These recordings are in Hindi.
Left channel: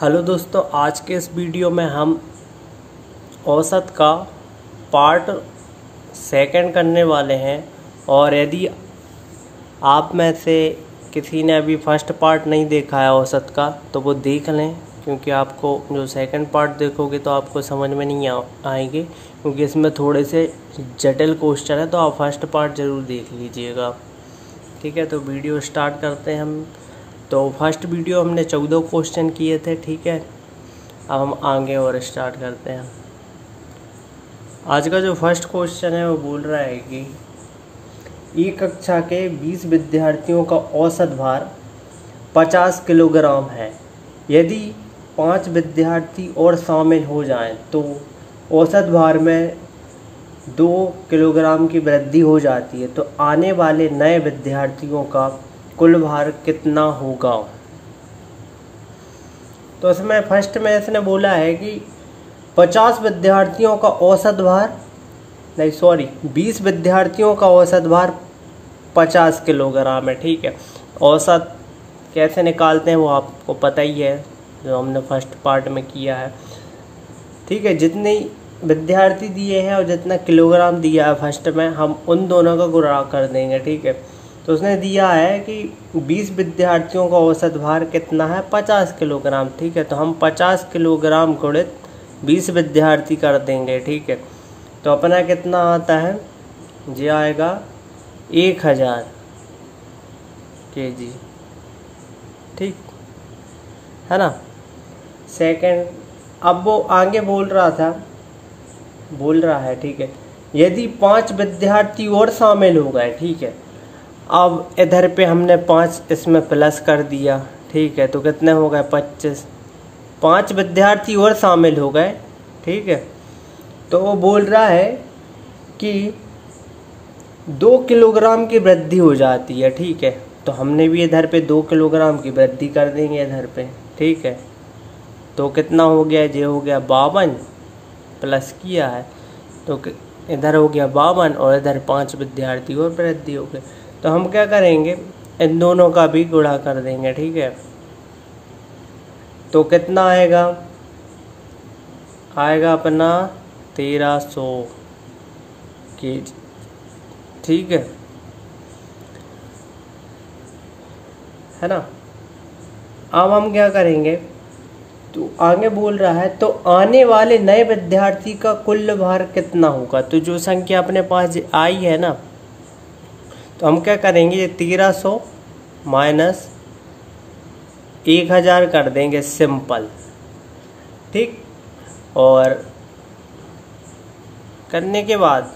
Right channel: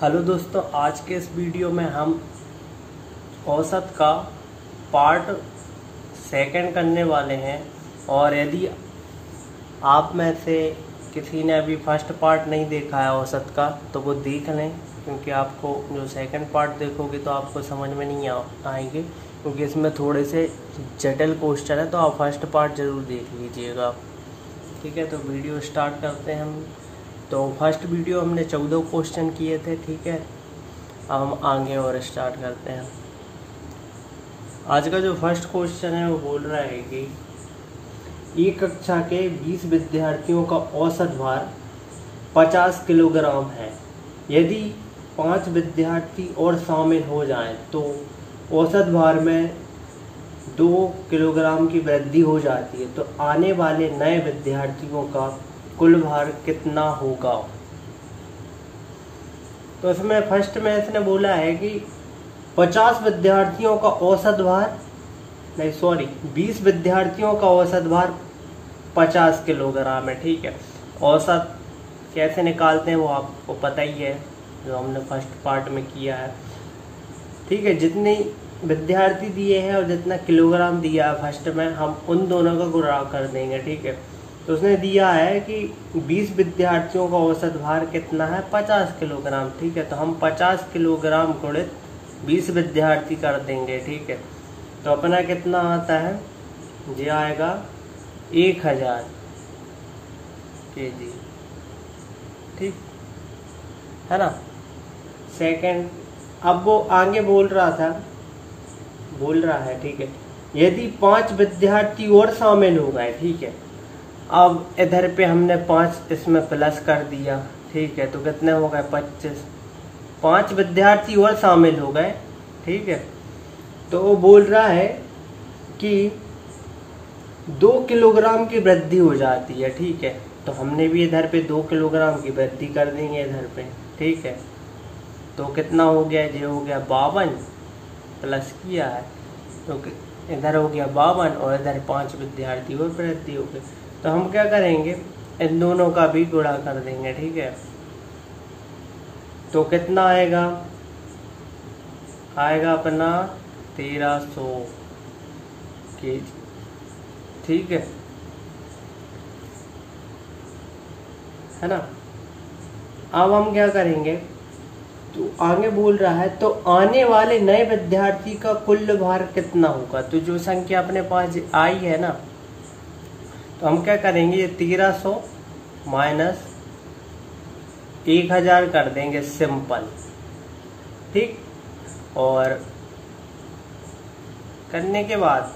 हेलो दोस्तों, आज के इस वीडियो में हम औसत का पार्ट सेकंड करने वाले हैं। और यदि आप में से किसी ने अभी फर्स्ट पार्ट नहीं देखा है औसत का तो वो देख लें, क्योंकि आपको जो सेकंड पार्ट देखोगे तो आपको समझ में नहीं आएंगे, क्योंकि इसमें थोड़े से जटिल क्वेश्चन है। तो आप फर्स्ट पार्ट ज़रूर देख लीजिएगा। ठीक है, तो वीडियो स्टार्ट करते हैं हम। तो फर्स्ट वीडियो हमने 14 क्वेश्चन किए थे। ठीक है, अब हम आगे और स्टार्ट करते हैं। आज का जो फर्स्ट क्वेश्चन है वो बोल रहा है कि एक कक्षा के 20 विद्यार्थियों का औसत भार 50 किलोग्राम है। यदि 5 विद्यार्थी और शामिल हो जाएं तो औसत भार में 2 किलोग्राम की वृद्धि हो जाती है। तो आने वाले नए विद्यार्थियों का कुल भार कितना होगा? तो इसमें फर्स्ट में इसने बोला है कि 50 विद्यार्थियों का औसत भार, नहीं सॉरी 20 विद्यार्थियों का औसत भार 50 किलोग्राम है। ठीक है, औसत कैसे निकालते हैं वो आपको पता ही है, जो हमने फर्स्ट पार्ट में किया है। ठीक है, जितने विद्यार्थी दिए हैं और जितना किलोग्राम दिया है फर्स्ट में, हम उन दोनों का गुणा कर देंगे। ठीक है, तो उसने दिया है कि 20 विद्यार्थियों का औसत भार कितना है? 50 किलोग्राम। ठीक है, तो हम 50 किलोग्राम गुणित 20 विद्यार्थी कर देंगे। ठीक है, तो अपना कितना आता है? जी आएगा 1000 kg। ठीक है ना। सेकंड, अब वो आगे बोल रहा है ठीक है, यदि 5 विद्यार्थी और शामिल हो गए। ठीक है, अब इधर पे हमने 5 इसमें प्लस कर दिया। ठीक है, तो कितने हो गए? 25। 5 विद्यार्थी और शामिल हो गए। ठीक है, तो वो बोल रहा है कि 2 किलोग्राम की वृद्धि हो जाती है। ठीक है, तो हमने भी इधर पे 2 किलोग्राम की वृद्धि कर देंगे इधर पे। ठीक है, तो कितना हो गया? ये हो गया 52, प्लस किया है तो इधर हो गया 52 और इधर 5 विद्यार्थी और वृद्धि हो गई। तो हम क्या करेंगे? इन दोनों का भी गुणा कर देंगे। ठीक है, तो कितना आएगा? आएगा अपना 1300 kg। ठीक है ना। अब हम क्या करेंगे? तो आगे बोल रहा है तो आने वाले नए विद्यार्थी का कुल भार कितना होगा? तो जो संख्या अपने पास आई है ना, तो हम क्या करेंगे? ये 1300 माइनस 1000 कर देंगे सिंपल। ठीक, और करने के बाद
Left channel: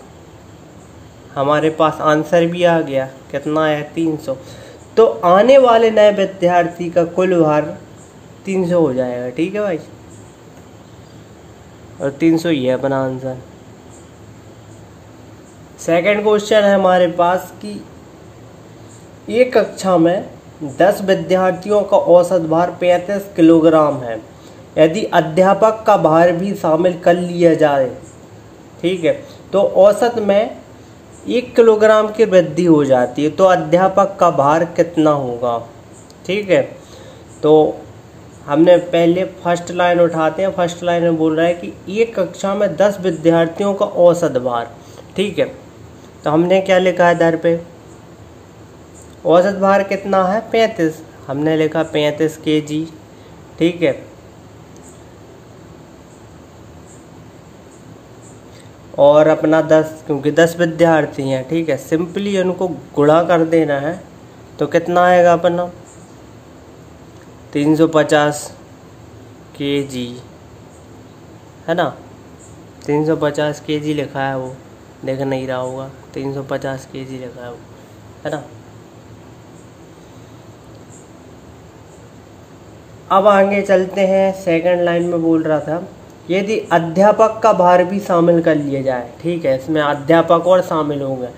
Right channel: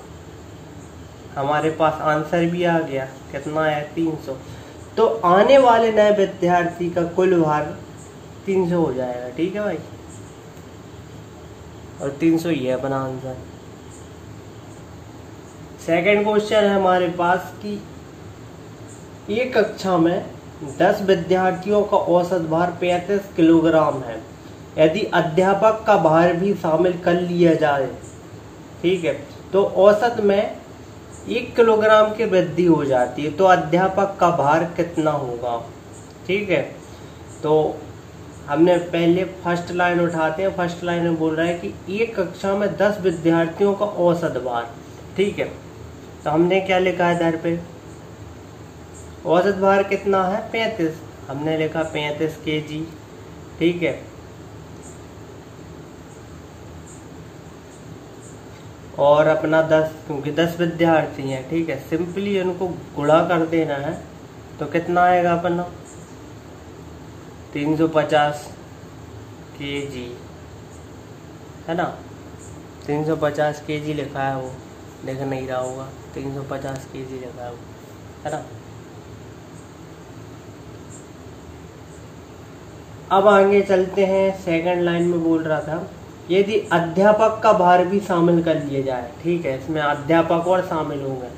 हमारे पास आंसर भी आ गया। कितना आया? 300। तो आने वाले नए विद्यार्थी का कुल भार 300 हो जाएगा। ठीक है भाई, और 300 ही है अपना आंसर। सेकंड क्वेश्चन है हमारे पास कि एक कक्षा में 10 विद्यार्थियों का औसत भार 35 किलोग्राम है। यदि अध्यापक का भार भी शामिल कर लिया जाए, ठीक है, तो औसत में 1 किलोग्राम की वृद्धि हो जाती है। तो अध्यापक का भार कितना होगा? ठीक है, तो हमने पहले फर्स्ट लाइन उठाते हैं। फर्स्ट लाइन में बोल रहा है कि एक कक्षा में 10 विद्यार्थियों का औसत भार। ठीक है, तो हमने क्या लिखा है इधर पे? औसत भार कितना है? 35। हमने लिखा 35 kg। ठीक है, और अपना 10, क्योंकि 10 विद्यार्थी हैं। ठीक है, सिंपली उनको गुणा कर देना है। तो कितना आएगा अपना? 350 kg, है ना। 350 kg लिखा है, वो देख नहीं रहा होगा। 350 kg लिखा है ना। अब आगे चलते हैं। सेकंड लाइन में बोल रहा था यदि अध्यापक का भार भी शामिल कर लिया जाए। ठीक है, इसमें अध्यापक और शामिल हो गए।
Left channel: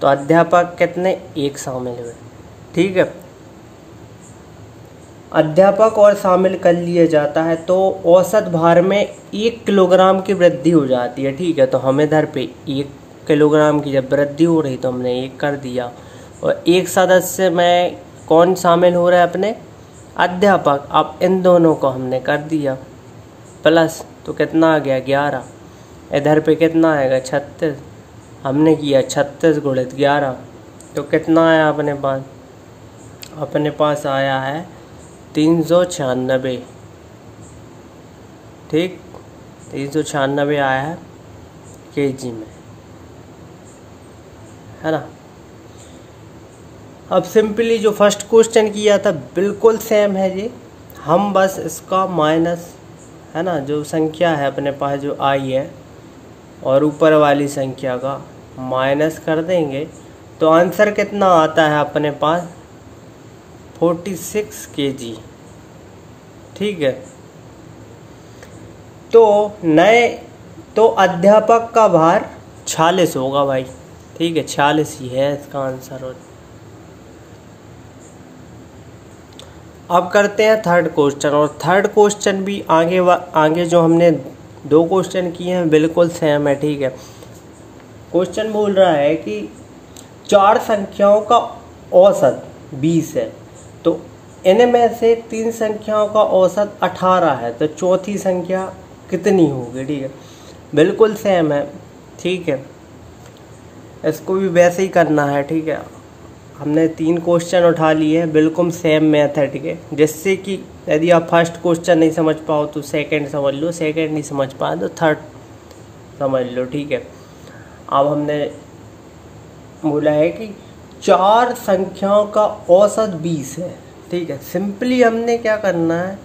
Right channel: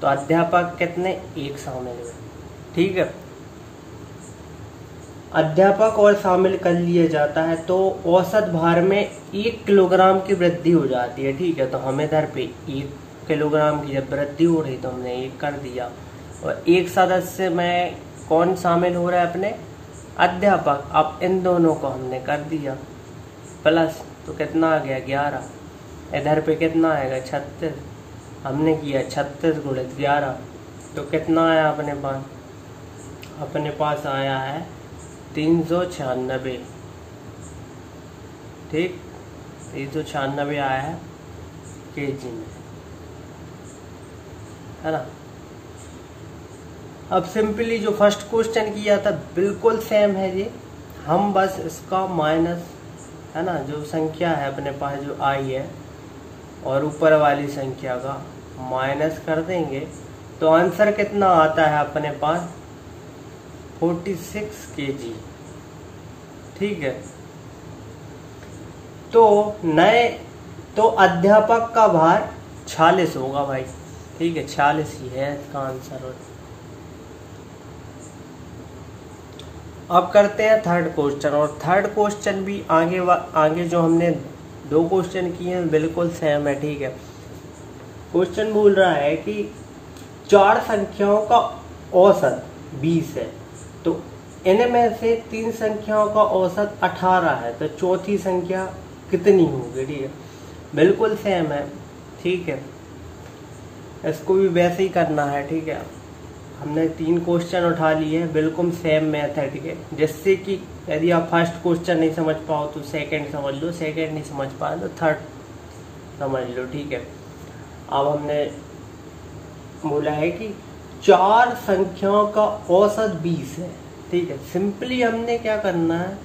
तो अध्यापक कितने? 1 शामिल हुए। ठीक है, अध्यापक और शामिल कर लिया जाता है तो औसत भार में 1 किलोग्राम की वृद्धि हो जाती है। ठीक है, तो हम इधर पे 1 किलोग्राम की जब वृद्धि हो रही तो हमने 1 कर दिया। और एक सदस्य में कौन शामिल हो रहा है? अपने अध्यापक। अब इन दोनों को हमने कर दिया प्लस, तो कितना आ गया 11। इधर पे कितना आएगा 36, हमने किया 36 गुणित 11, तो कितना आया अपने पास? अपने पास आया है 396। ठीक, 396 आया है केजी में, है ना। अब सिंपली जो फर्स्ट क्वेश्चन किया था बिल्कुल सेम है जी, हम बस इसका माइनस, है ना, जो संख्या है अपने पास जो आई है और ऊपर वाली संख्या का माइनस कर देंगे, तो आंसर कितना आता है अपने पास? 46 केजी। ठीक है, तो अध्यापक का भार 46 होगा भाई। ठीक है, 46 ही है इसका आंसर। अब करते हैं थर्ड क्वेश्चन, और थर्ड क्वेश्चन भी आगे जो हमने 2 क्वेश्चन किए हैं बिल्कुल सेम है। ठीक है, क्वेश्चन बोल रहा है कि 4 संख्याओं का औसत 20 है, तो इनमें से 3 संख्याओं का औसत 18 है, तो चौथी संख्या कितनी होगी? ठीक है, बिल्कुल सेम है। ठीक है, इसको भी वैसे ही करना है। ठीक है, हमने 3 क्वेश्चन उठा लिए हैं, बिल्कुल सेम मेथड के, जिससे कि यदि आप फर्स्ट क्वेश्चन नहीं समझ पाओ तो सेकंड समझ लो, सेकंड नहीं समझ पाओ तो थर्ड समझ लो। ठीक है, अब हमने बोला है कि 4 संख्याओं का औसत 20 है। ठीक है, सिंपली हमने क्या करना है,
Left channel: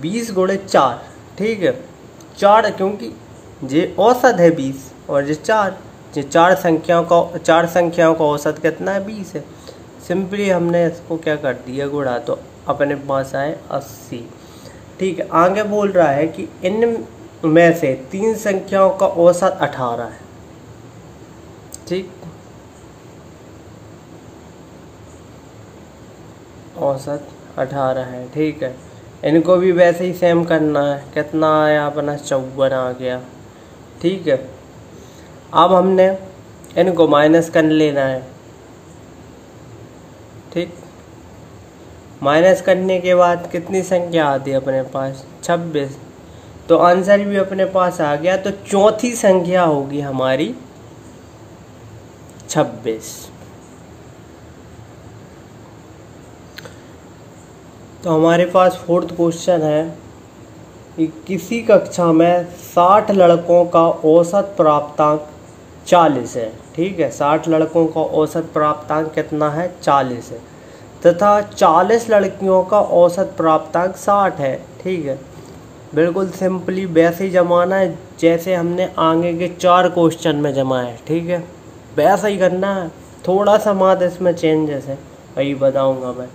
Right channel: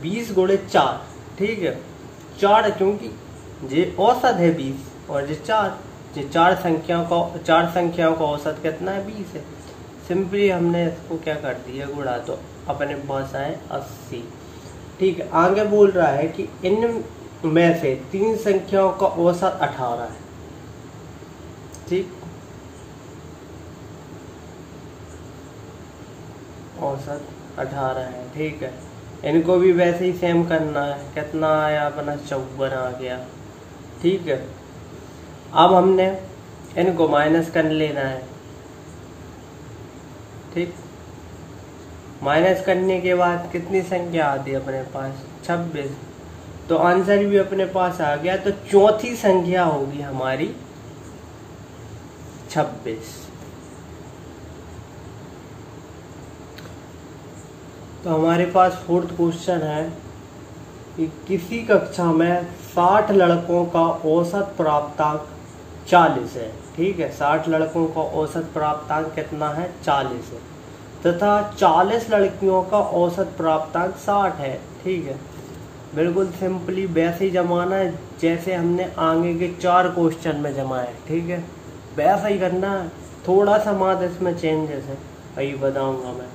20 गुणित 4। ठीक है, 4 क्योंकि ये औसत है 20 और ये 4, ये 4 संख्याओं का औसत कितना है? 20 है। सिंपली हमने इसको क्या कर दिया, गुणा, तो अपने पास आए 80। ठीक है, आगे बोल रहा है कि इनमें से 3 संख्याओं का औसत 18 है। ठीक, औसत 18 है। ठीक है, इनको भी वैसे ही सेम करना है। कितना आया अपना? 54 आ गया। ठीक है, अब हमने इनको माइनस कर लेना है। ठीक, माइनस करने के बाद कितनी संख्या आती है अपने पास? 26, तो आंसर भी अपने पास आ गया। तो चौथी संख्या होगी हमारी 26। तो हमारे पास फोर्थ क्वेश्चन है कि किसी कक्षा में 60 लड़कों का औसत प्राप्तांक 40 है। ठीक है, 60 लड़कों का औसत प्राप्तांक कितना है? 40 है, तथा 40 लड़कियों का औसत प्राप्तांक 60 है। ठीक है, बिल्कुल सिंपली वैसे ही जमाना है जैसे हमने आगे के 4 क्वेश्चन में जमाए। ठीक है, वैसा ही करना है, थोड़ा सा मात्र इसमें चेंजेस है, वही बताऊंगा मैं।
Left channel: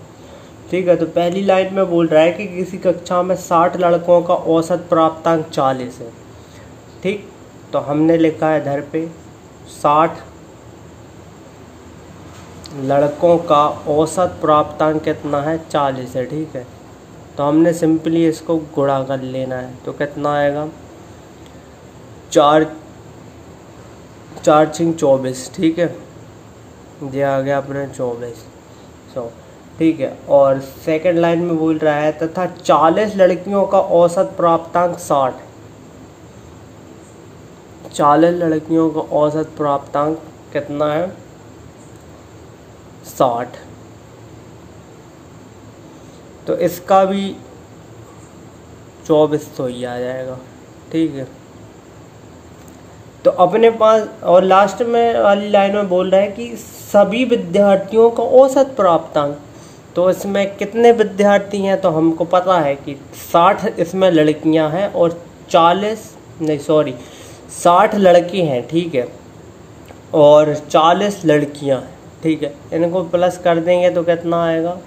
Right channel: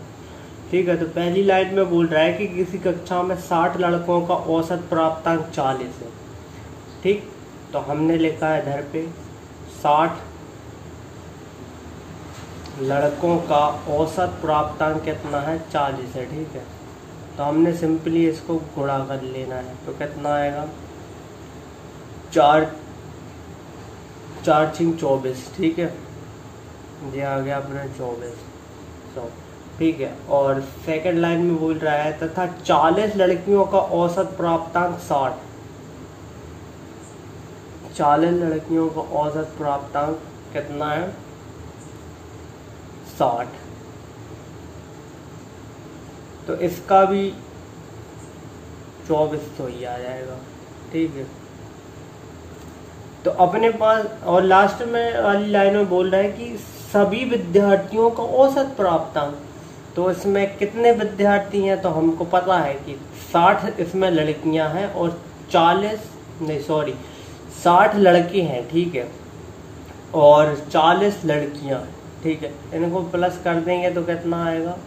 ठीक है, तो पहली लाइन में बोल रहा है कि किसी कक्षा में 60 लड़कों का औसत प्राप्तांक 40 है। ठीक, तो हमने लिखा है इधर पे 60 लड़कों का औसत प्राप्तांक कितना है? 40 है। ठीक है, तो हमने सिंपली इसको गुणा कर लेना है, तो कितना आएगा? 4 4 6 24। ठीक है, ये आ गया अपने 24। ठीक है, और सेकंड लाइन में बोल रहा है तथा 40 लड़कियों का औसत प्राप्तांक 60। 40 लड़कियों का औसत प्राप्तांक कितना है? 60। तो इसका भी 24 तो ही आ जाएगा। ठीक है, तो अपने पास, और लास्ट में वाली लाइन में बोल रहा है कि सभी विद्यार्थियों का औसत प्राप्तांक, तो इसमें कितने विद्यार्थी हैं? तो हमको पता है कि 60 इसमें लड़कियां हैं और 60 लड़के हैं। ठीक है, और 40 लड़कियां हैं। ठीक है, इनको प्लस कर देंगे तो कितना आएगा?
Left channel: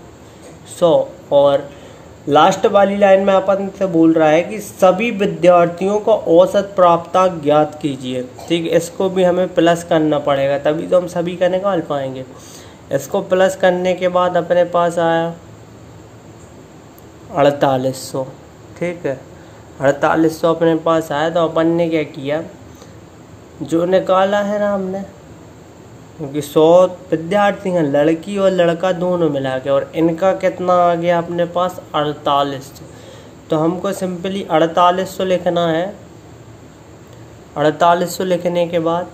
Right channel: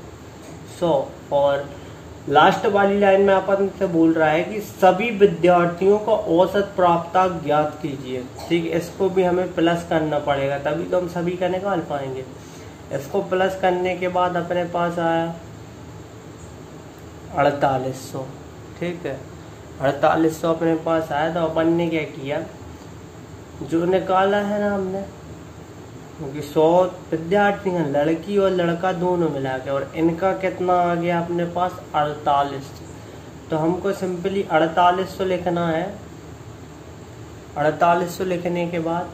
100। और लास्ट वाली लाइन में अपन से बोल रहा है कि सभी विद्यार्थियों का औसत प्राप्तांक ज्ञात कीजिए। ठीक है, इसको भी हमें प्लस करना पड़ेगा, तभी तो हम सभी का निकाल पाएंगे। इसको प्लस करने के बाद अपने पास आया 4800। ठीक है, 4800 अपने पास आया, तो अपन ने क्या किया, जो निकाला है ना हमने क्योंकि 100 विद्यार्थी हैं, लड़की और लड़का दोनों मिला के, और इनका कितना आ गया अपने पास 48। तो हमको सिंपली 4800 लिखना है। 4800 लिखने के बाद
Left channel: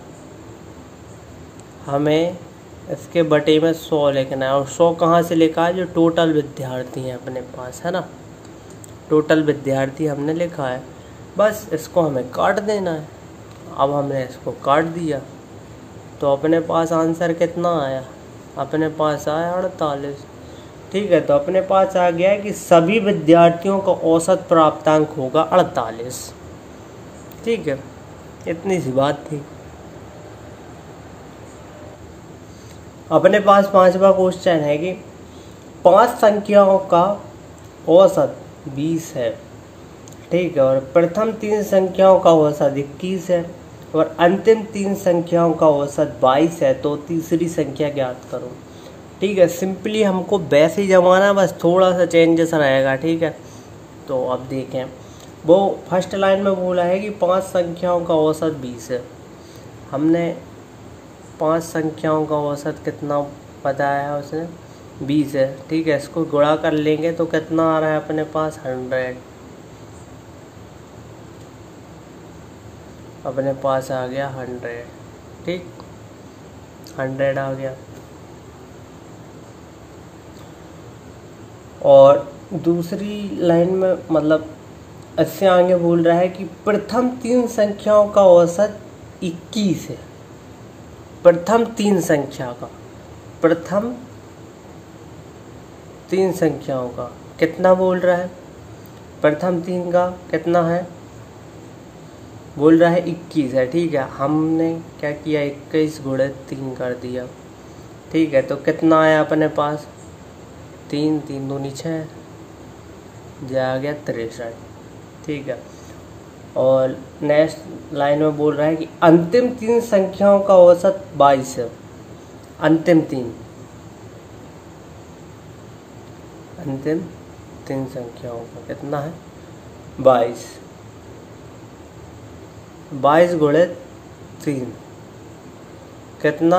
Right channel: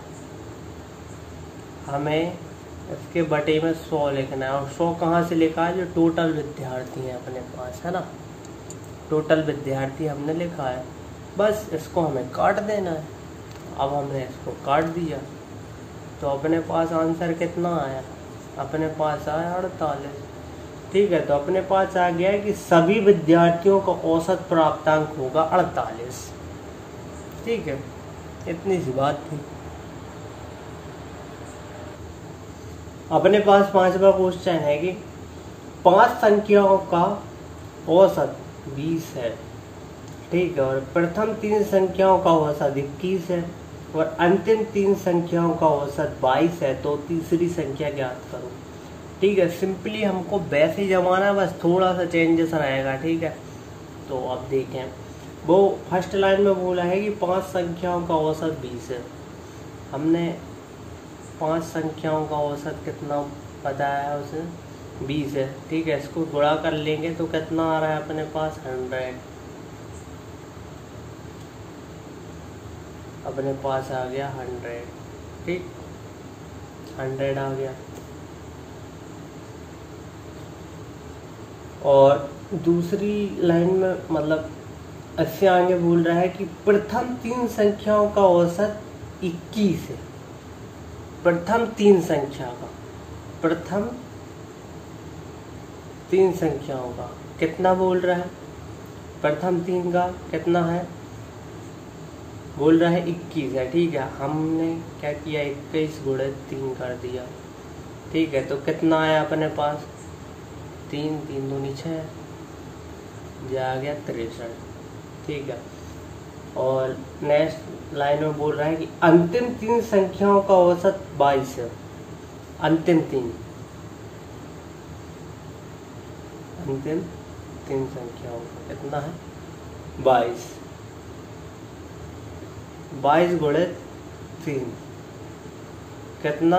हमें इसके बटे में 100 लिखना है, और 100 कहाँ से लिखा है, जो टोटल विद्यार्थी हैं अपने पास, है ना, टोटल विद्यार्थी हमने लिखा है। बस इसको हमें काट देना है। अब हमने इसको काट दिया तो अपने पास आंसर कितना आया, अपने पास आया 48। ठीक है, तो अपने पास आ गया है कि सभी विद्यार्थियों का औसत प्राप्तांक होगा 48। ठीक है, इतनी सी बात थी। अपने पास 5वां क्वेश्चन है कि 5 संख्याओं का औसत 20 है। ठीक है, और प्रथम 3 संख्याओं का औसत 21 है और अंतिम 3 संख्याओं का औसत 22 है। तो तीसरी संख्या ज्ञात करो। ठीक है, सिंपली हमको वैसे ही जमाना, बस थोड़ा सा चेंजेस रहेगा। ठीक है, तो अब देखें, वो फर्स्ट लाइन में बोला है कि 5 संख्याओं का औसत 20 है। हमने 5 संख्याओं का औसत कितना बताया है उसे, 20 है। ठीक है, इसको गुणा कर लेंगे तो कितना आ रहा है अपने पास 100। अपने पास आ गया 100। ठीक, 100 आ गया। और दूसरी लाइन में मतलब इससे आगे बोल रहा है कि प्रथम 3 संख्याओं का औसत 21 है। प्रथम 3 संख्या का, प्रथम 3 संख्याओं का कितना बोल रहा है, प्रथम 3 का कितना है, बोल रहा है 21 है। ठीक है, हमने क्या किया, 21 गुणे 3 कर दिया। ठीक है, तो कितना आया अपने पास, 3 3 दूनी 6, आ गया 63। ठीक है, और नेक्स्ट लाइन में बोल रहा है कि अंतिम 3 संख्याओं का औसत 22 है। अंतिम 3 संख्याओं का कितना है, 22। 22 गुणे 3 कितना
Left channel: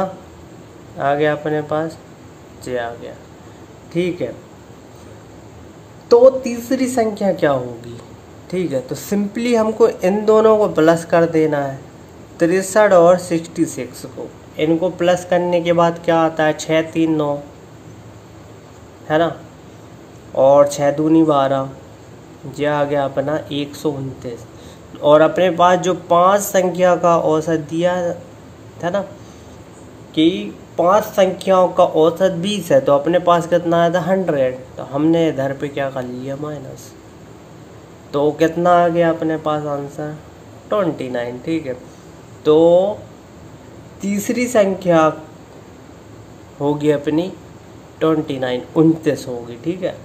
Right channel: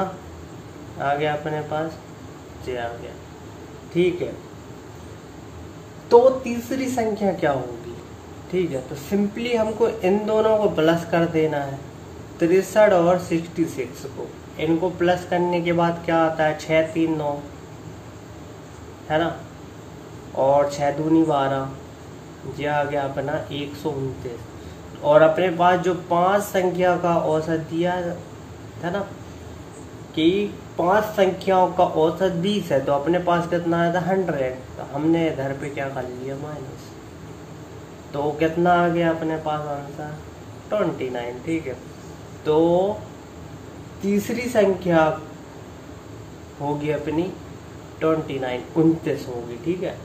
आ गया अपने पास, 6 आ गया। ठीक है, तो तीसरी संख्या क्या होगी। ठीक है, तो सिंपली हमको इन दोनों को प्लस कर देना है, 63 और 66 को। इनको प्लस करने के बाद क्या आता है, 6 3 9, है ना, और 6 दूनी 12, ये आ गया अपना 129। और अपने पास जो 5 संख्या का औसत दिया था ना, कि 5 संख्याओं का औसत 20 है, तो अपने पास कितना आया था 100। तो हमने इधर पे क्या कर लिया, माइनस, तो कितना आ गया अपने पास आंसर 29। ठीक है, तो तीसरी संख्या होगी अपनी 29, 29 होगी। ठीक है,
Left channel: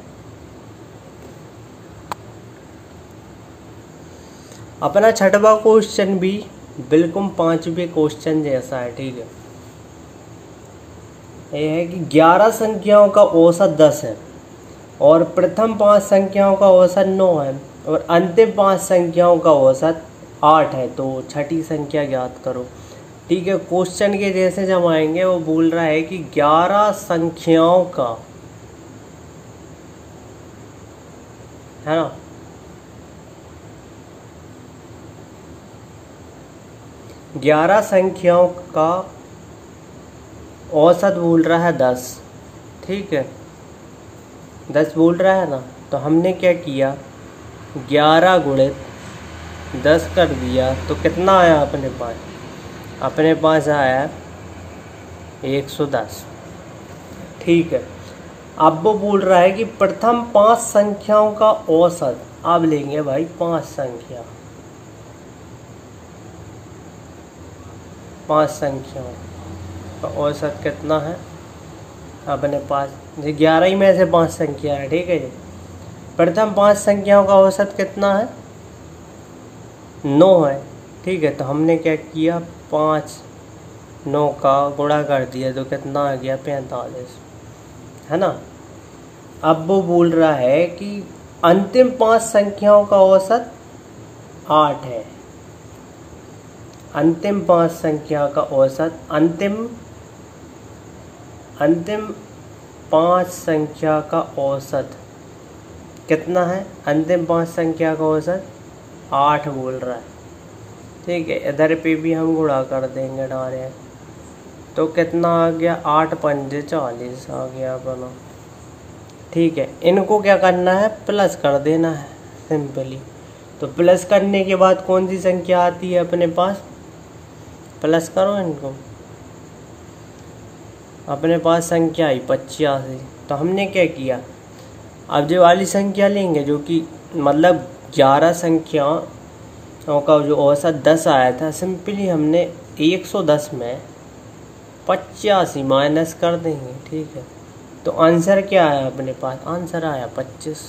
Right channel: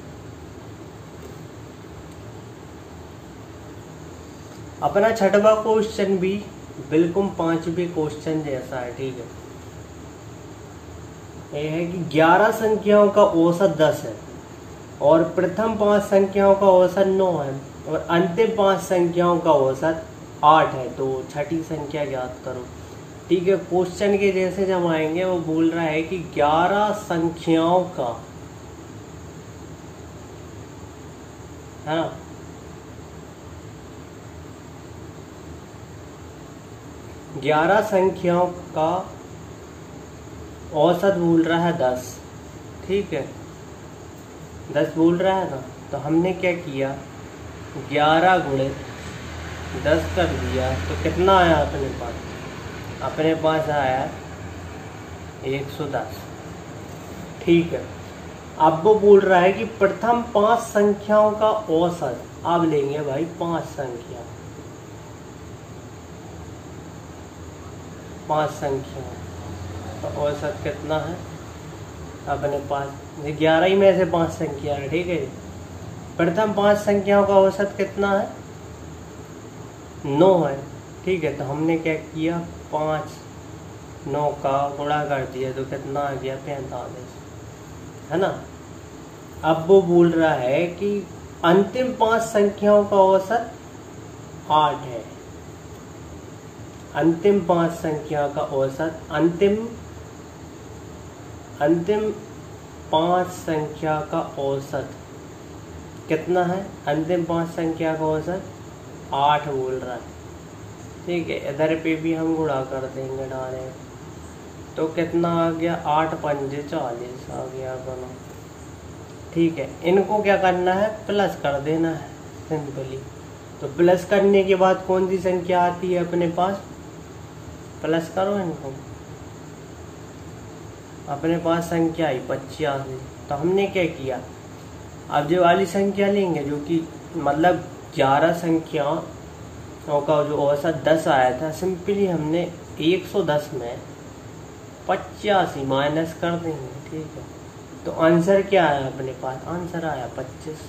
अपना 6वां क्वेश्चन भी बिल्कुल 5वें क्वेश्चन जैसा है। ठीक है, यह है कि 11 संख्याओं का औसत 10 है और प्रथम 5 संख्याओं का औसत 9 है और अंतिम 5 संख्याओं का औसत 8 है। तो छठी संख्या ज्ञात करो। ठीक है, क्वेश्चन के जैसे जब आएंगे, वो बोल रहा है कि 11 संख्याओं का, है ना, 11 संख्याओं का औसत बोल रहा है 10। ठीक है, 10 बोल रहा है ना, तो हमने क्या किया, 11 गुणे 10 कर दिया, तो कितना आया अपने पास, अपने पास आया 110। ठीक है, अब वो बोल रहा है कि प्रथम 5 संख्याओं का औसत, अब लेंगे भाई 5 संख्या, 5 संख्याओं का औसत कितना है अपने पास, 11 ही में से 5 संख्या है। ठीक है, प्रथम 5 संख्याओं का औसत कितना है, 9 है। ठीक है, तो हमने क्या किया, 5 9 का गुणा कर दिया, तो कितना आ गया 45, है ना। अब वो बोल रहा है कि अंतिम 5 संख्याओं का औसत 8 है। अंतिम 5 संख्या का औसत, अंतिम अंतिम 5 संख्या का औसत कितना है? अंतिम 5 संख्या का औसत 8 बोल रहा है। ठीक है, इधर पे भी हम गुणा कर देंगे डायरेक्ट, तो कितना आ गया? 8 पंजे 40 आ गया बना। ठीक है, इनको क्या करना है? प्लस कर देना है सिंपली। तो प्लस करने के बाद कौन सी संख्या आती है अपने पास? प्लस करो इनको, अपने पास संख्या आई 85। तो हमने क्या किया, अब जो वाली संख्या लेंगे जो कि मतलब 11 संख्याओं का जो औसत 10 आया था, सिंपली हमने 110 में 85 माइनस कर देंगे। ठीक है, तो आंसर क्या आया अपने पास? आंसर आया 25।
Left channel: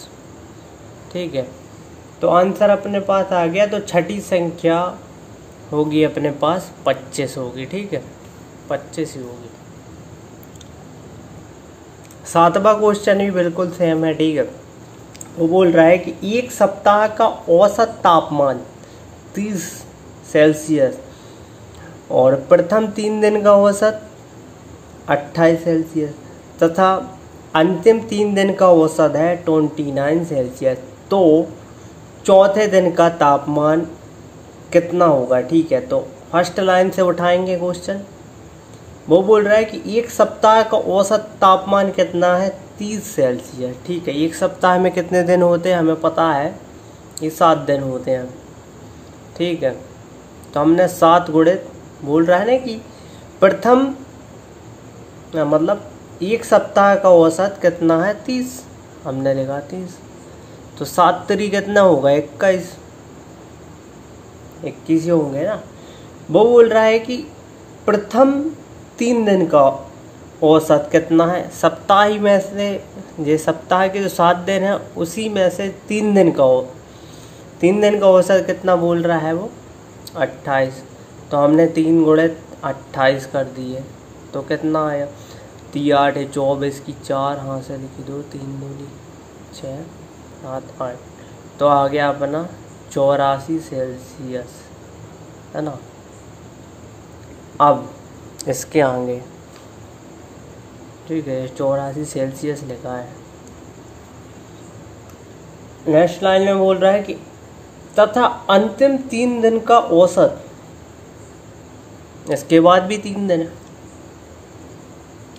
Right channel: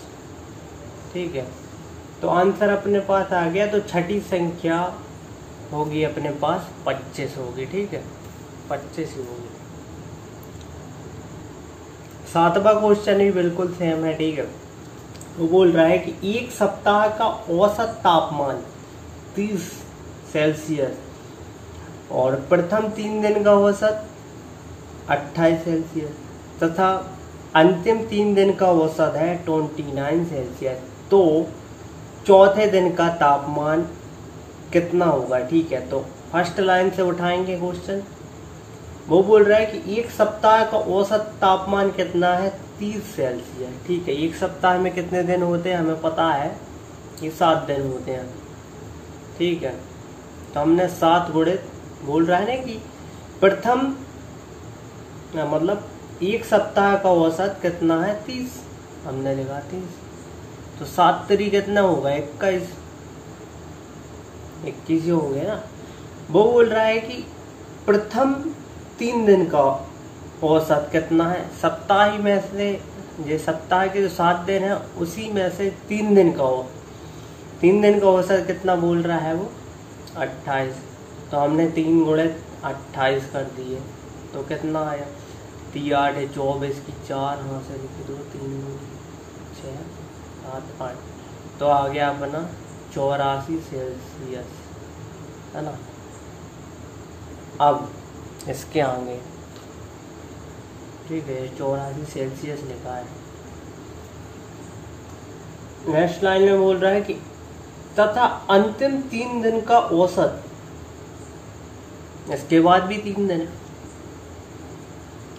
ठीक है, तो आंसर अपने पास आ गया। तो छठी संख्या होगी अपने पास 25 होगी। ठीक है, 25 ही होगी। 7वां क्वेश्चन भी बिल्कुल सेम है। ठीक है, वो बोल रहा है कि एक सप्ताह का औसत तापमान 30 सेल्सियस और प्रथम 3 दिन का औसत 28 सेल्सियस तथा अंतिम 3 दिन का औसत है 29 सेल्सियस। तो चौथे दिन का तापमान कितना होगा? ठीक है, तो फर्स्ट लाइन से उठाएंगे क्वेश्चन। वो बोल रहा है कि एक सप्ताह का औसत तापमान कितना है? 30 सेल्सियस। ठीक है, एक सप्ताह में कितने दिन होते हैं हमें पता है कि 7 दिन होते हैं। ठीक है, तो हमने 7 गुणित, बोल रहा है ना कि प्रथम मतलब एक सप्ताह का औसत कितना है? 30, हमने लिखा 30। तो 7 3 कितना होगा? 21 ही होंगे ना। वो बोल रहा है कि प्रथम 3 दिन का औसत कितना है? सप्ताह ही में से, ये सप्ताह के जो 7 दिन है उसी में से 3 दिन का 3 दिन का औसत कितना बोल रहा है वो? 28। तो हमने 3 गुणित 28 कर दिए, तो कितना आया? 3 8 24 की 4 हाथ से लिखी 2 3 6 7 8, तो आ गया अपना 84 सेल्सियस, है ना। अब इसके आगे, ठीक है, 84 सेल्सियस लिखा है। नेक्स्ट लाइन में बोल रहा है कि तथा अंतिम 3 दिन का औसत, इसके बाद भी 3 दिन है,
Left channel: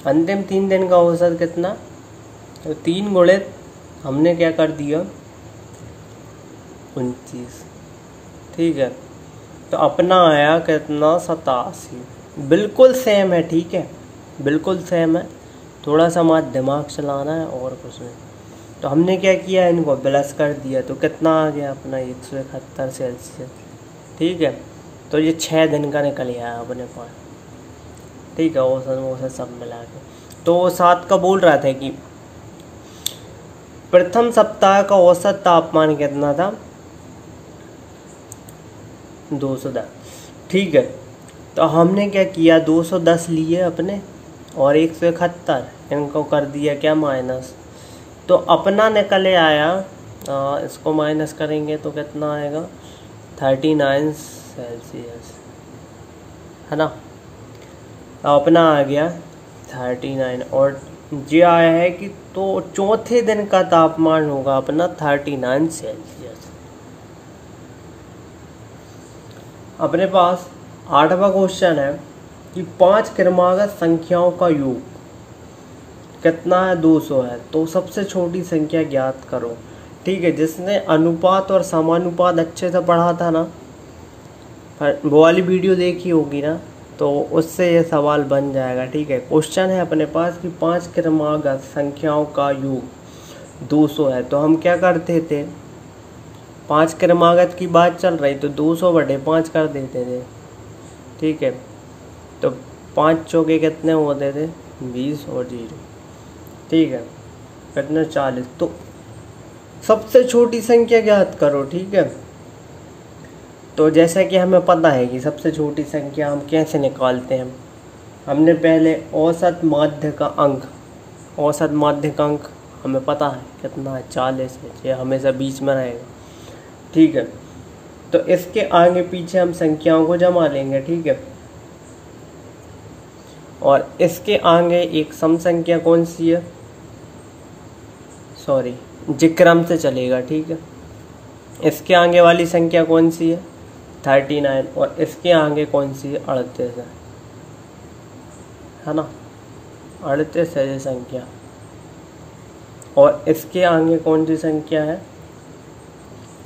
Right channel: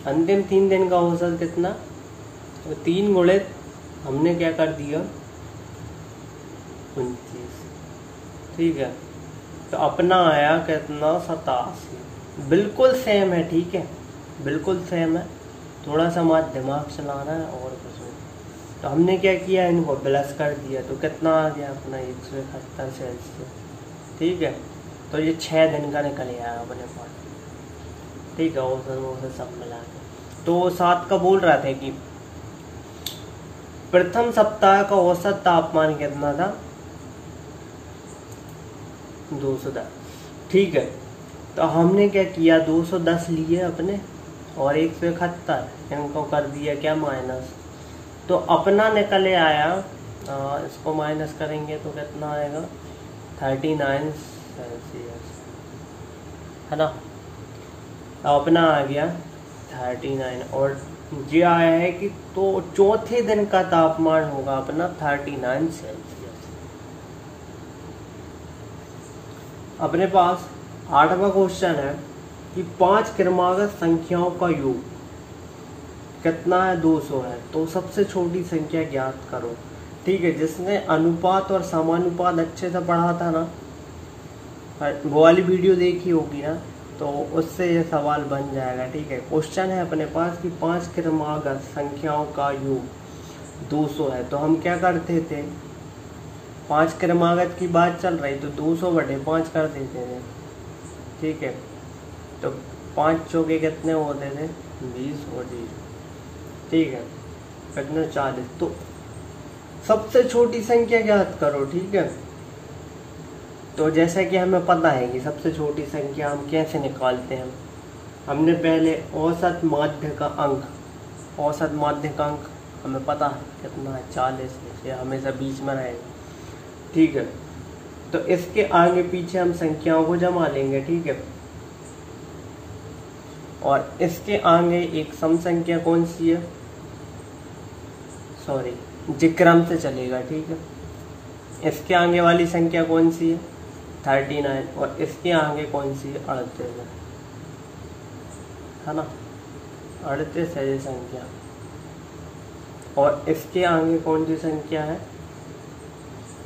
अंतिम 3 दिन का औसत कितना? तो 3 गुणित हमने क्या कर दिया? 29। ठीक है, तो अपना आया कितना? 87। बिल्कुल सेम है। ठीक है, बिल्कुल सेम है, थोड़ा सा हमारा दिमाग चलाना है और कुछ नहीं। तो हमने क्या किया? इनको प्लस कर दिया, तो कितना आ गया अपना? 171 सेल्सियस। ठीक है, तो ये 6 दिन का निकल आया अपने पास। ठीक है, औसत सब मिला के। तो 7 का बोल रहा था कि प्रथम सप्ताह का औसत तापमान कितना था? 210। ठीक है, तो हमने क्या किया? 210 लिए अपने और 171 इनको कर दिया क्या? माइनस। तो अपना निकल आया, इसको माइनस करेंगे तो कितना आएगा? 39 सेल्सियस, है ना। अपना आ गया 39 और ये आया है कि तो चौथे दिन का तापमान होगा अपना 39 सेल्सियस। अपने पास 8वां क्वेश्चन है कि 5 क्रमागत संख्याओं का योग कितना है? 200 है। तो सबसे छोटी संख्या ज्ञात करो। ठीक है, जिसने अनुपात और समानुपात अच्छे से पढ़ा था ना, वो वाली वीडियो देखी होगी ना, तो उससे ये सवाल बन जाएगा। ठीक है, क्वेश्चन है अपने पास कि 5 क्रमागत संख्याओं का योग 200 है। तो हम क्या करते थे? 5 क्रमागत की बात चल रही तो 200/5 कर देते थे। ठीक है, तो 5 चौके कितने होते थे? 20 और 0। ठीक है, कितने? 40। तो सबसे छोटी संख्या ज्ञात करो। ठीक है, तो जैसा कि हमें पता है कि सबसे छोटी संख्या हम कैसे निकालते हैं, हमने पहले औसत माध्य का अंक, औसत माध्य का अंक हमें पता है कितना है? 40 है, ये हमेशा बीच में रहेगा। ठीक है, तो इसके आगे पीछे हम संख्याओं को जमा लेंगे। ठीक है, और इसके आगे एक सम संख्या कौन सी है, सॉरी जिक्रम से चलेगा, ठीक है। इसके आगे वाली संख्या कौन सी है 39 और इसके आगे कौन सी है 38 है ना, 38 है ये संख्या। और इसके आगे कौन सी संख्या है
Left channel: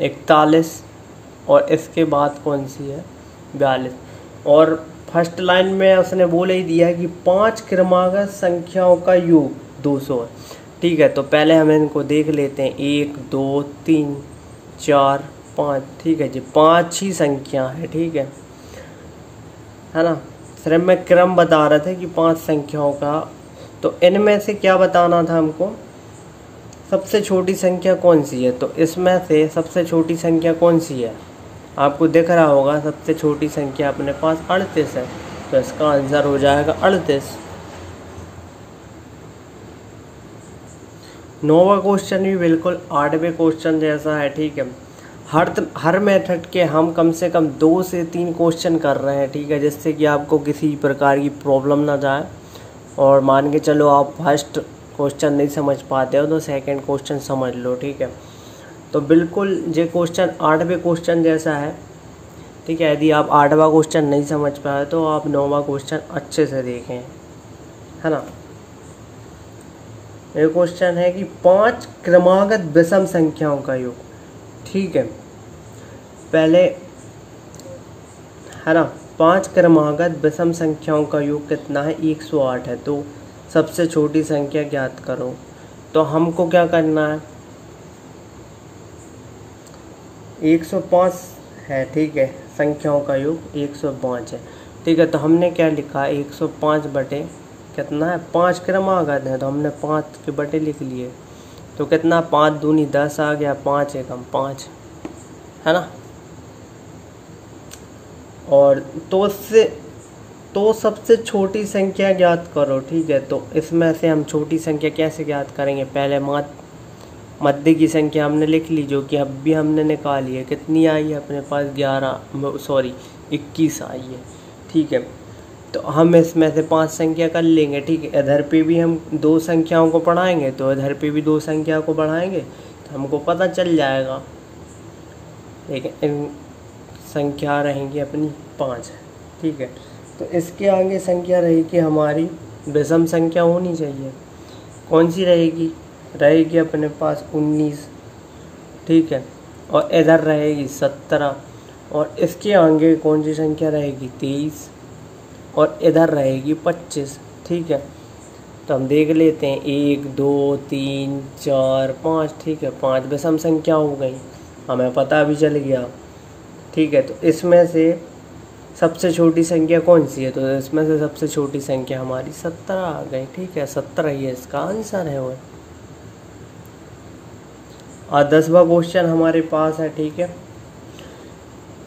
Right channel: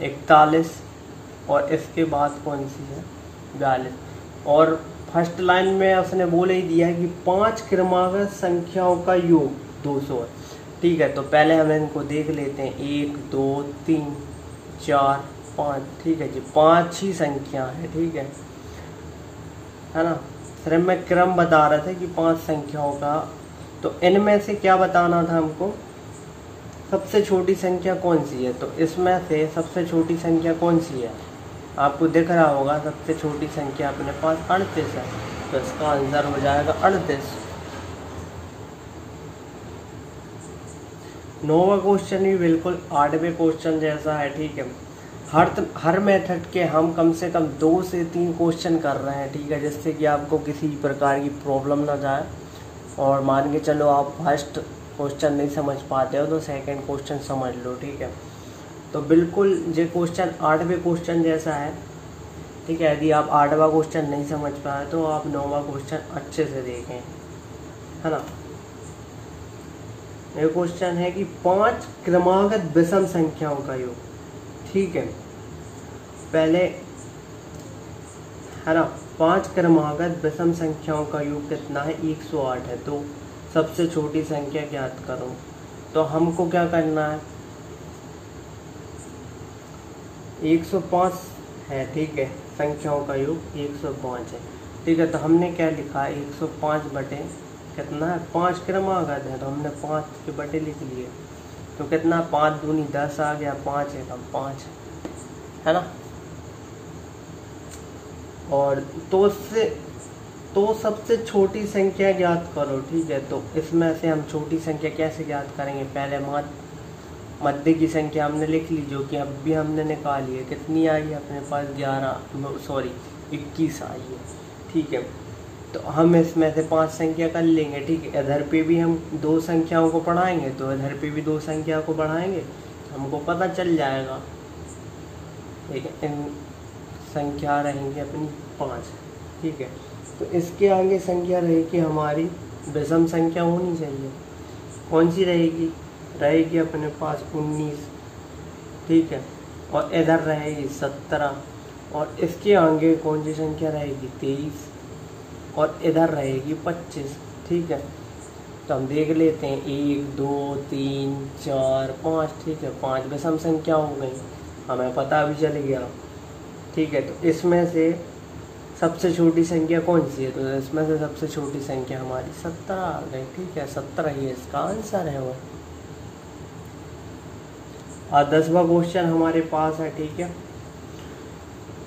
41 और इसके बाद कौन सी है 42। और फर्स्ट लाइन में उसने बोल ही दिया कि 5 क्रमागत संख्याओं का योग 200 है, ठीक है। तो पहले हम इनको देख लेते हैं 1 2 3 4 5, ठीक है जी, 5 ही संख्या है, ठीक है ना। सिर्फ मैं क्रम बता रहा था कि 5 संख्याओं का, तो इनमें से क्या बताना था हमको, सबसे छोटी संख्या कौन सी है। तो इसमें से सबसे छोटी संख्या कौन सी है, आपको दिख रहा होगा सबसे छोटी संख्या अपने पास 38 है, तो इसका आंसर हो जाएगा 38। 9वां क्वेश्चन भी बिल्कुल 8वें क्वेश्चन जैसा है, ठीक है। हर मेथड के हम कम से कम 2 से 3 क्वेश्चन कर रहे हैं, ठीक है, जिससे कि आपको किसी प्रकार की प्रॉब्लम ना जाए। और मान के चलो आप फर्स्ट क्वेश्चन नहीं समझ पाते हो तो सेकंड क्वेश्चन समझ लो, ठीक है। तो बिल्कुल ये क्वेश्चन 8वें क्वेश्चन जैसा है, ठीक है। यदि आप 8वां क्वेश्चन नहीं समझ पाए तो आप 9वां क्वेश्चन अच्छे से देखें, है ना। ये क्वेश्चन है कि 5 क्रमागत विषम संख्याओं का योग, ठीक है। पहले है ना, 5 क्रमागत विषम संख्याओं का योग कितना है 108 है, तो सबसे छोटी संख्या ज्ञात करो। तो हमको क्या करना है 105 है, ठीक है, संख्याओं का योग 105 है, ठीक है। तो हमने क्या लिखा 105 बटे कितना है 5 क्रमागत है, तो हमने 5 के बटे लिख लिए। तो कितना 5 दूनी 10 आ गया, 5 एकम 5, है ना। और तो सबसे छोटी संख्या ज्ञात करो, ठीक है। तो इसमें से हम छोटी संख्या कैसे ज्ञात करेंगे, पहले मध्य की संख्या हमने लिख ली जो कि अब भी हमने निकाली है, कितनी आई है अपने पास 21 आई है, ठीक है। तो हम इसमें से 5 संख्या कर लेंगे, ठीक है। इधर पे भी हम 2 संख्याओं को बढ़ाएंगे तो इधर पे भी 2 संख्या को बढ़ाएंगे तो हमको पता चल जाएगा, ठीक है। संख्या रहेंगी अपनी 5, ठीक है। तो इसके आगे संख्या रहेगी हमारी विषम संख्या होनी चाहिए, कौन सी रहेगी अपने पास 19, ठीक है। और इधर रहेगी 17 और इसके आगे कौन सी संख्या रहेगी 23 और इधर रहेगी 25, ठीक है। तो हम देख लेते हैं 1 2 3 4 5, ठीक है, 5 विषम संख्या हो गई, हमें पता भी चल गया, ठीक है। तो इसमें से सबसे छोटी संख्या कौन सी है, तो इसमें से सबसे छोटी संख्या हमारी 17 आ गई, ठीक है, 17 ही इसका आंसर है वो। और 10वां क्वेश्चन हमारे पास है, ठीक है।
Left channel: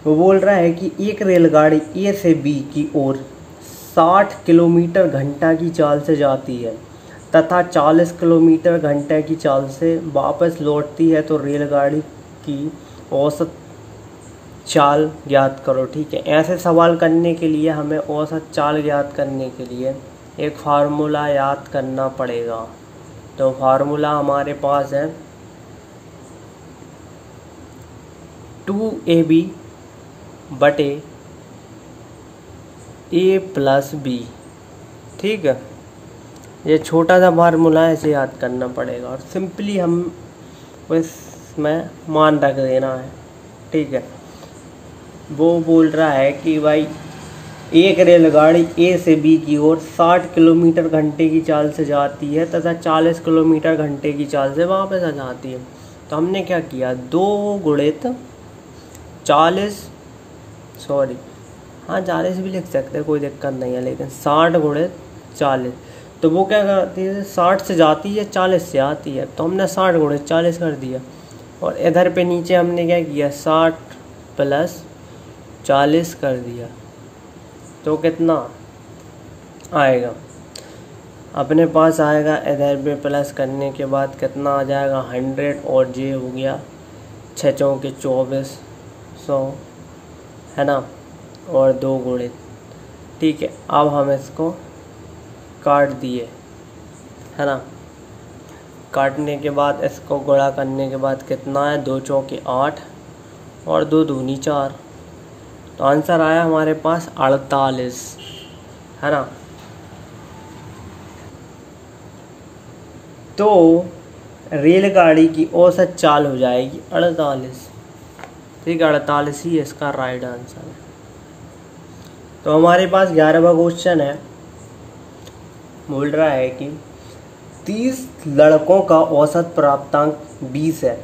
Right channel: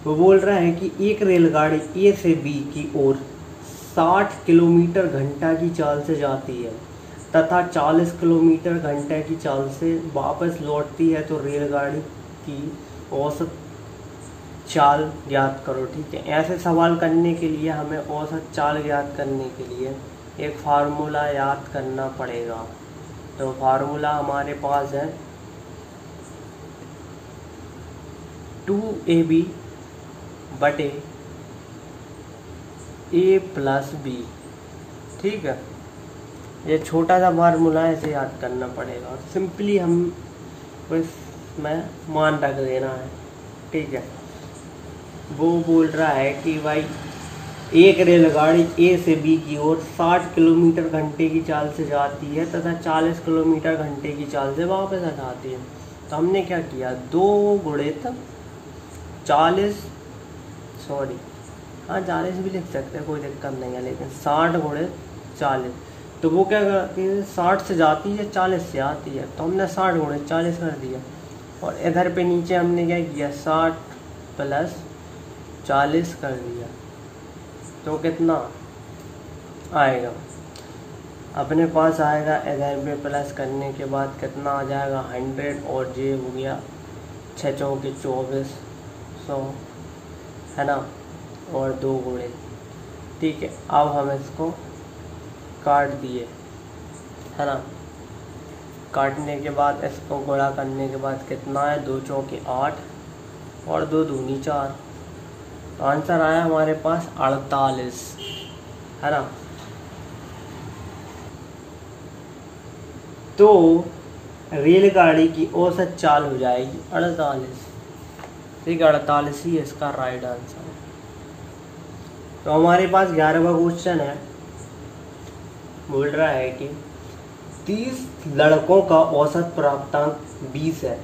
वो बोल रहा है कि एक रेलगाड़ी ए से बी की ओर 60 किलोमीटर घंटा की चाल से जाती है तथा 40 किलोमीटर घंटे की चाल से वापस लौटती है, तो रेलगाड़ी की औसत चाल ज्ञात करो, ठीक है। ऐसे सवाल करने के लिए हमें औसत चाल ज्ञात करने के लिए एक फार्मूला याद करना पड़ेगा। तो फार्मूला हमारे पास है 2ab बटे a प्लस बी, ठीक है। ये छोटा सा फार्मूला है, इसे याद करना पड़ेगा और सिंपली हम इसमें मान रख देना है, ठीक है। वो बोल रहा है कि भाई एक रेलगाड़ी ए से बी की ओर 60 किलोमीटर घंटे की चाल से जाती है तथा 40 किलोमीटर घंटे की चाल से वापस आ जाती है। तो हमने क्या किया 2 गुणित 40, सॉरी हाँ 40 भी लिख सकते हैं, कोई दिक्कत नहीं है, लेकिन 60 गुणित 40। तो वो क्या करती है 60 से जाती है 40 से आती है, तो हमने 60 गुणित 40 कर दिया। और इधर पे नीचे हमने क्या किया 60 प्लस 40 कर दिया, तो कितना आएगा अपने पास आएगा, इधर पे प्लस करने के बाद कितना आ जाएगा 100 और जे हो गया 6 चौके 24 100, है ना, और 2 गुणित, ठीक है। अब हम इसको काट दिए, है ना। काटने के बाद इसको गुणा करने के बाद कितना है, 2 चौके 8 और 2 दूनी 4, तो आंसर आया हमारे पास 48, है ना। तो रेलगाड़ी की औसत चाल हो जाएगी 48, ठीक है, 48 ही इसका राइट आंसर है। तो हमारे पास 11वां क्वेश्चन है, बोल रहा है कि 30 लड़कों का औसत प्राप्तांक 20 है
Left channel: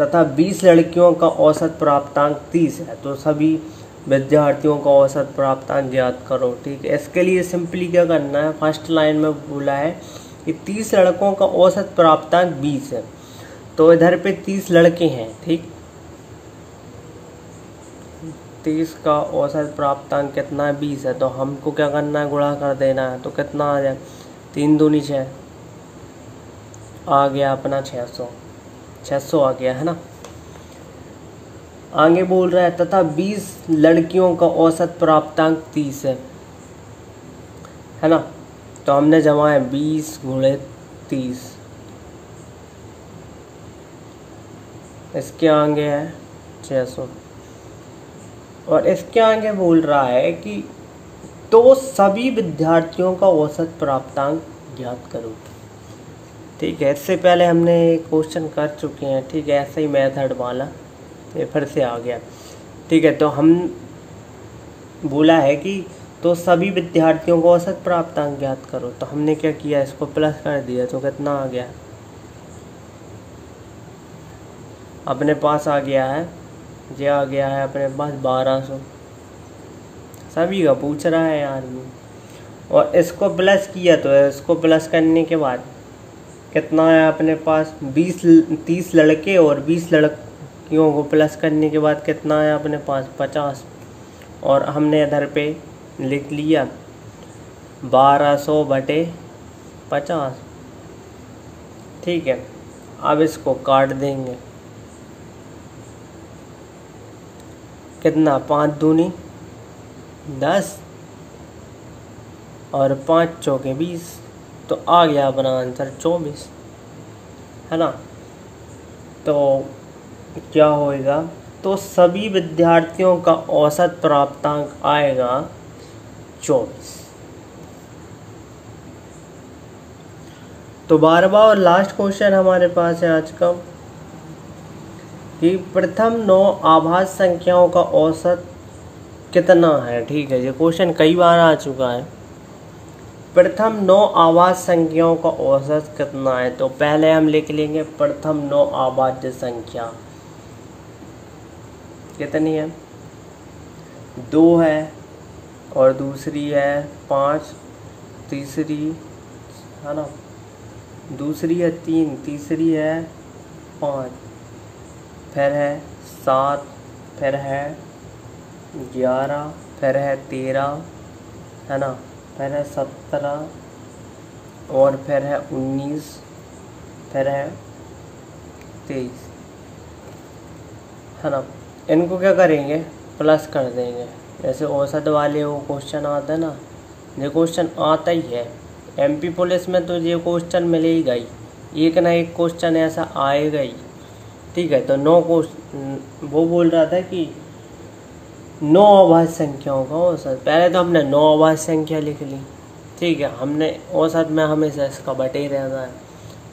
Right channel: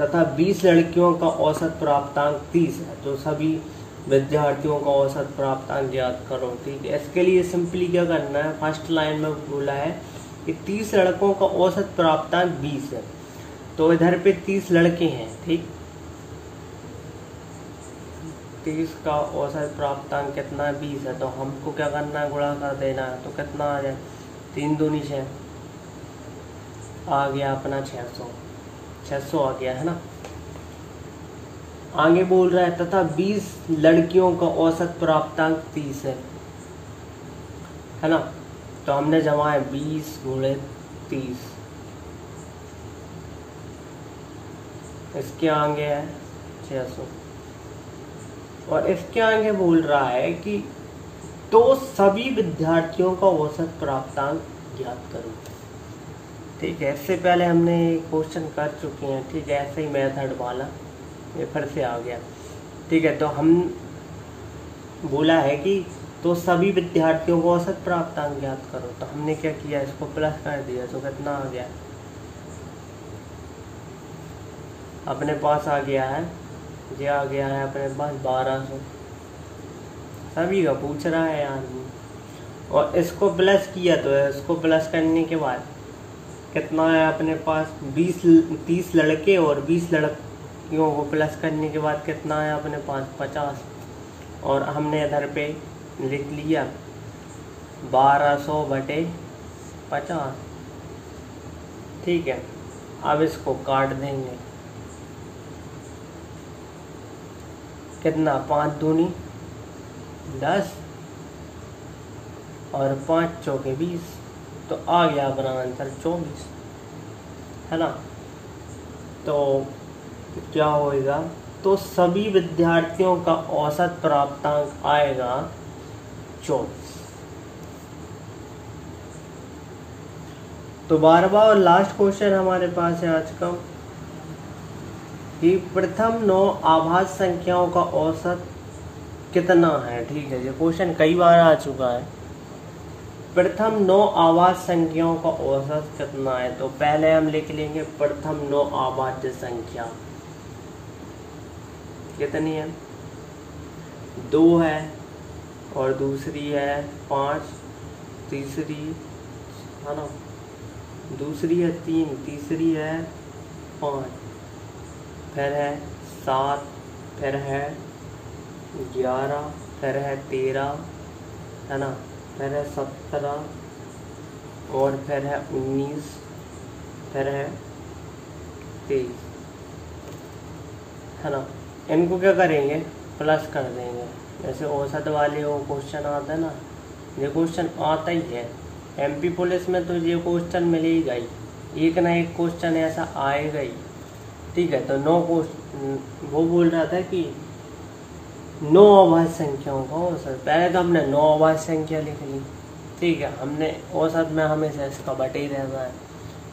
तथा 20 लड़कियों का औसत प्राप्तांक 30 है, तो सभी विद्यार्थियों का औसत प्राप्तांक ज्ञात करो। ठीक है, इसके लिए सिंपली क्या करना है, फर्स्ट लाइन में बोला है कि 30 लड़कों का औसत प्राप्तांक 20 है, तो इधर पे 30 लड़के हैं, ठीक, 30 का औसत प्राप्तांक कितना है, 20 है, तो हमको क्या करना है, गुणा कर देना है, तो कितना आ जाए, 3 दूनी 6, आ गया अपना 600 आ गया, है ना। आगे बोल रहा है तथा 20 लड़कियों का औसत प्राप्तांक 30 है ना। तो हमने जमाया 20 गुणे 30, इसके आगे है 600 और इसके आगे बोल रहा है कि तो सभी विद्यार्थियों का औसत प्राप्तांक ज्ञात करो। ठीक है, इससे पहले हमने क्वेश्चन कर चुके हैं, ठीक है, ऐसे ही मेथड वाला ये फिर से आ गया। ठीक है, तो हम बोला है कि तो सभी विद्यार्थियों को औसत प्राप्तांक ज्ञात करो, तो हमने क्या किया, इसको प्लस कर दिया, तो कितना आ गया, अपने पास आ गया है, ये आ गया है अपने पास 1200, सभी का पूछ रहा है यार। और इसको प्लस किया, तो इसको प्लस करने के बाद कितना है अपने पास, 30 लड़के और 20 लड़कियों को प्लस करने के बाद कितना है अपने पास, 50, और हमने इधर पे लिख लिया 1200/50। ठीक है, अब इसको काट देंगे, कितना, 5 दूनी 10 और 5 चौके 20, तो आ गया अपना आंसर 24, है ना। तो क्या होएगा, तो सभी विद्यार्थियों का औसत प्राप्तांक आएगा 24। तो 12वां और लास्ट क्वेश्चन हमारे पास है आज का, कि प्रथम 9 आभाज्य संख्याओं का औसत कितना है। ठीक है, ये क्वेश्चन कई बार आ चुका है। प्रथम 9 आभाज्य संख्याओं का औसत कितना है, तो पहले हम लिख लेंगे प्रथम 9 आभाज्य संख्या कितनी है, 2 है और दूसरी है 5, तीसरी, है ना, दूसरी है 3, तीसरी है 5, फिर है 7, फिर है 11, फिर है 13, है ना, फिर है 17 और फिर है 19, फिर है 23, है ना। इनको क्या करेंगे, प्लस कर देंगे, जैसे औसत वाले वो क्वेश्चन आता है ना, ये क्वेश्चन आता ही है एमपी पुलिस में, तो ये क्वेश्चन मिलेगा ही, एक ना एक क्वेश्चन ऐसा आएगा ही। ठीक है, तो 9 क्वेश्चन वो बोल रहा था कि 9 अभाज्य संख्याओं का औसत, पहले तो हमने 9 अभाज्य संख्या लिख ली। ठीक है, हमने औसत में हमेशा इसका बटे रहना है।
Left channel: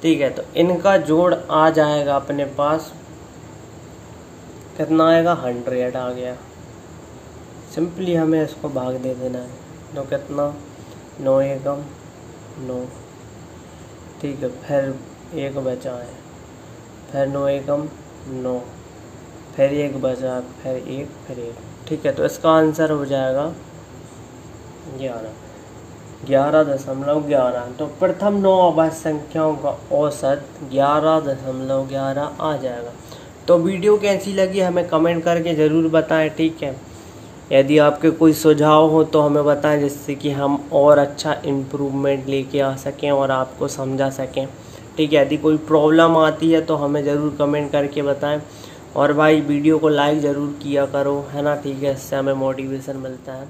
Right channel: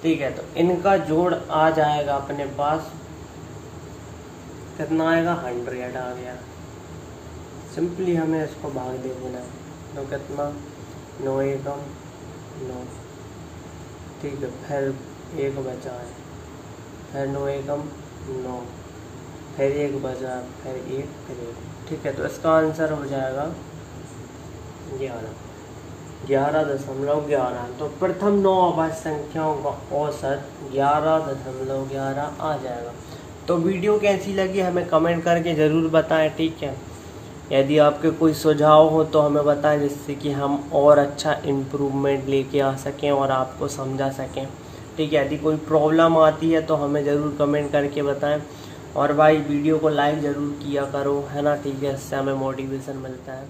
ठीक है, तो इनका जोड़ आ जाएगा अपने पास, कितना आएगा, 100 आ गया। सिंपली हमें इसको भाग दे देना है, तो कितना, 9 एकम 9। ठीक है, फिर 1 बचा है, फिर 9 एकम 9, फिर 1 बचा, फिर 1, फिर 1। ठीक है, तो इसका आंसर हो जाएगा 11.11। तो प्रथम 9 अभाज्य संख्याओं का औसत 11.11 आ जाएगा। तो वीडियो कैसी लगी हमें कमेंट करके ज़रूर बताएं। ठीक है, यदि आपके कोई सुझाव हो तो हमें बताएं, जिससे कि हम और अच्छा इम्प्रूवमेंट लेके आ सकें और आपको समझा सकें। ठीक है, यदि कोई प्रॉब्लम आती है तो हमें ज़रूर कमेंट करके बताएं, और भाई वीडियो को लाइक ज़रूर किया करो, है ना। ठीक है, इससे हमें मोटिवेशन मिलता है।